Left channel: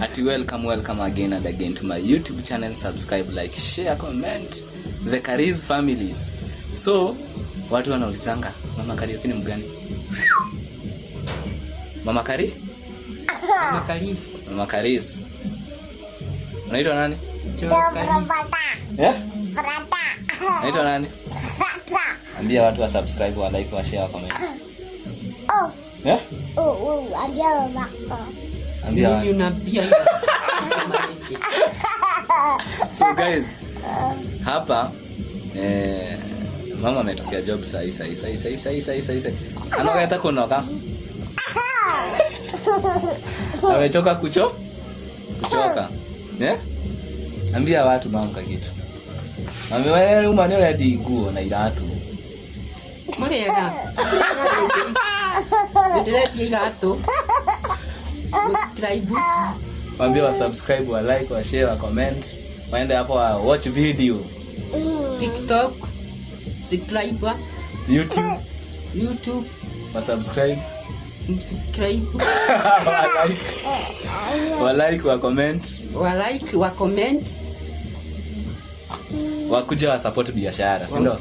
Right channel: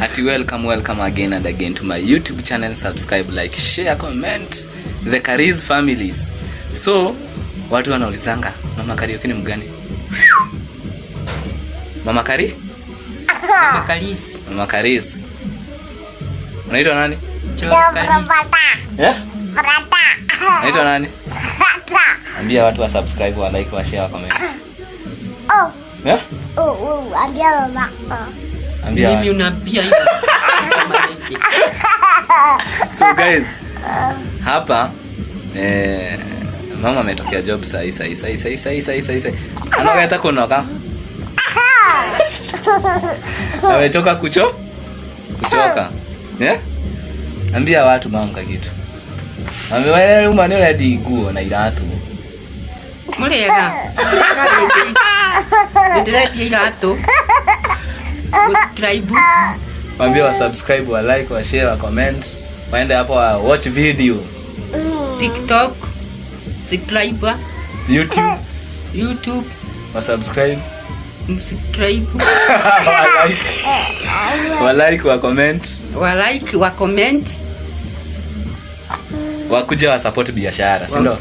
Welcome again and again to my YouTube channel. Subscribe, like, share, comment. The Karis families. So, watu wanaulizanga, Mama Kariuki ni mgani? Mama Kari? Mama Karis. Mama Karis. Unaitwa nani? Karis. Yeah? Unaitwa nani? Ambia watu wa subscribe, wa like, wa share, wa comment. Yeah? Ambia mama. Ambia. Mimi unaambia hivi. So guys, hapa mama ametokea job sai. Anaenda kunoka. Amechoka kuchoka. Yeah? Ambia watu mama kitu. Ambia wale umani hadi nguo na iratu. Murega. Ndio iratu. Subscribe. Ambia wa subscribe, wa like, wa share, wa comment. Waende hapo wa watch video. TikTok. Subscribe. YouTube. Wa subscribe. Subscribe. Wa like, wa comment. Wa comment. Wakuja wa support biashara, si ndio?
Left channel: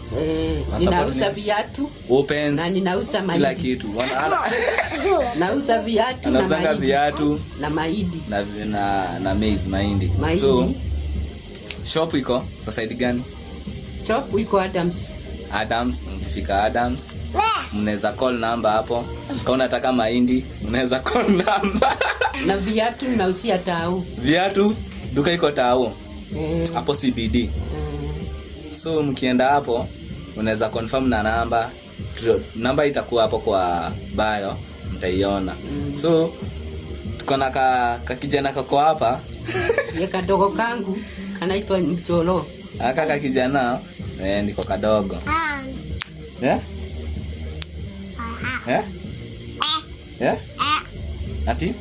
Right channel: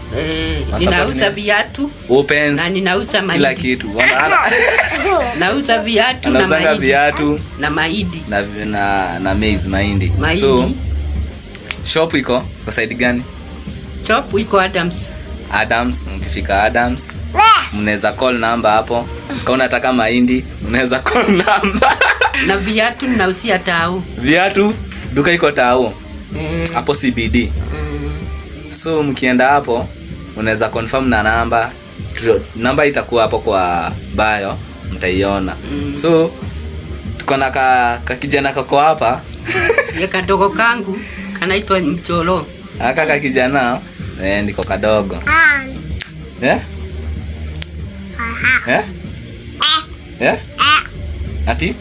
Ninauza viatu, opens, na ninauza mahindi. Kila kitu. Nauza viatu na mahindi. Viatu na mahindi. Na maize mahindi. So shop iko kwa side gani? Shop iko Adams. Mkifika Adams, mnaweza call number hapo. Kama unataka mahindi, mnaweza call number. Na viatu ninausia Tao. Viatu duka iko Tao. Hapo CBD. So mkienda hapo unaweza confirm na namba itakuwa hapo kwa bio, mtaiona. So tuko na ka kijana kako hapa. Ya kadogo kangu kanaitwa Mcholo. Aka kijana ndiko kadogo. Ati?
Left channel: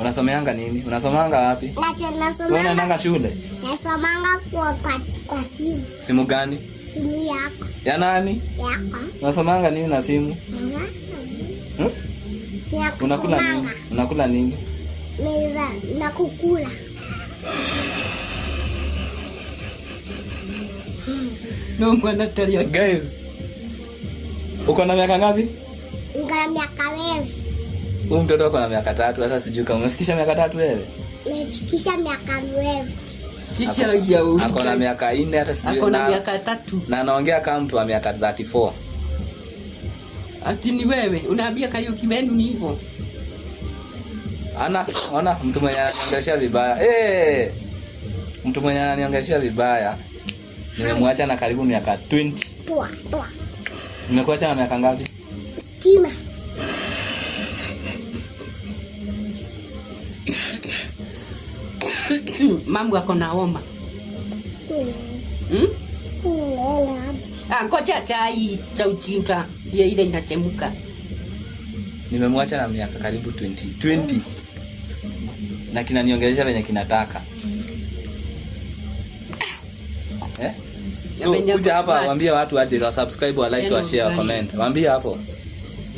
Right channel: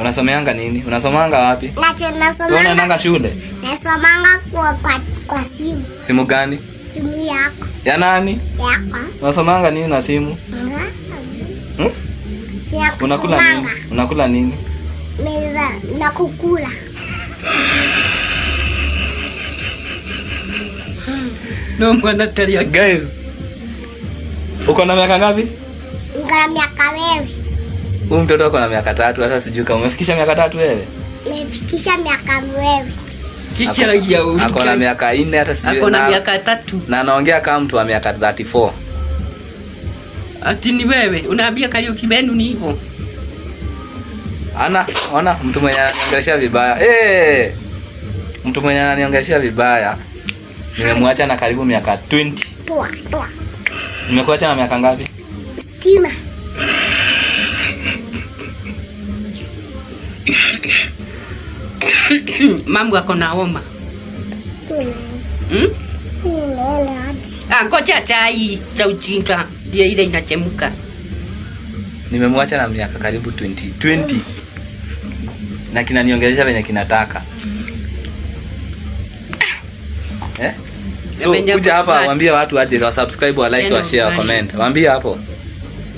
Unasomeanga nini? Unasomanga wapi? Nasomanga. Unaenda shule? Nasomanga kwa simu. Simu gani? Simu yako. Ya nani? Yako. Unasomanga nini na simu? Unakula nini? Unakula nini? Meza na kukula. No mwana talia. Guys, uko na miaka ngapi? Niko na miaka wewe. Huyu mtoto uko na miaka 3, hata sijui kama umefikisha miaka 3 wewe. Nimefikisha miaka wewe. Kicha ya huyu. Ako na miaka 4 hata sijui. Ako na miaka 3. Na anaongea kama mtu wa miaka 34. Ati ni wewe, unaambia Kariuki benu ni hivyo. Ona mtu mwenye ananiongelesha vibaya. Mtu mwenye ananiongelesha vibaya. Nimemwacha na karibu miaka 20. Poa. Nimekuacha na miaka ngapi? Stima. Mambo yako na homa. Ngoja chai cha ujinga ndio ile inachemka. Nimemwacha na miaka karibu 20. Na kinaniongelesha venye kinataka. So kuja hapa waambie watu waje wa subscribe, wa like, wa share, wa comment. Waambie hapo.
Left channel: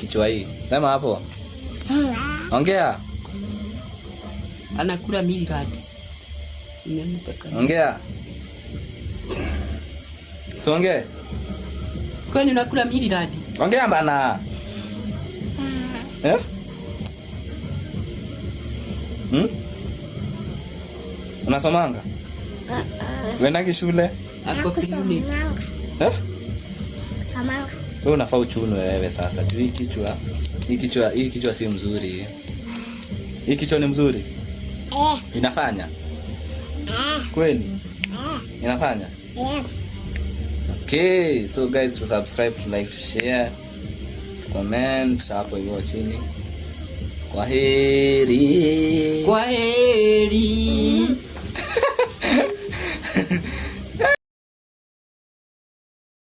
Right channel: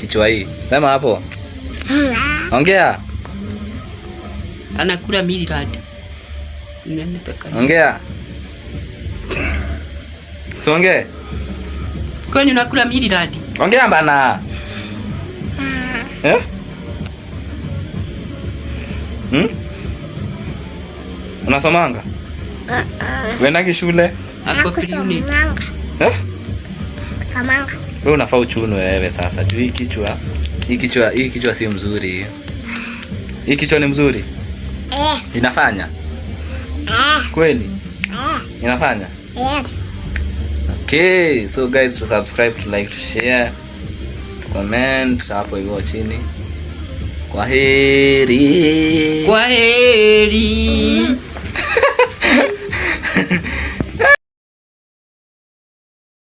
Kichwa hii. Sema hapo. Ongea. Anakula milad. Ongea. So ongea. Kwani unakula milad? Ongea bana. Unasomanga? Unaenda shule? Ako unit. Samanga. Wewe unafaa uchuno wewe sasa. Juu hii kichwa si mzuri. Hii kichwa ni mzuri? Inafanya? Kweli? Inafanya? Okay, so guys, to subscribe, to like, to share, to comment hapo hivyo chini. Kwaheri.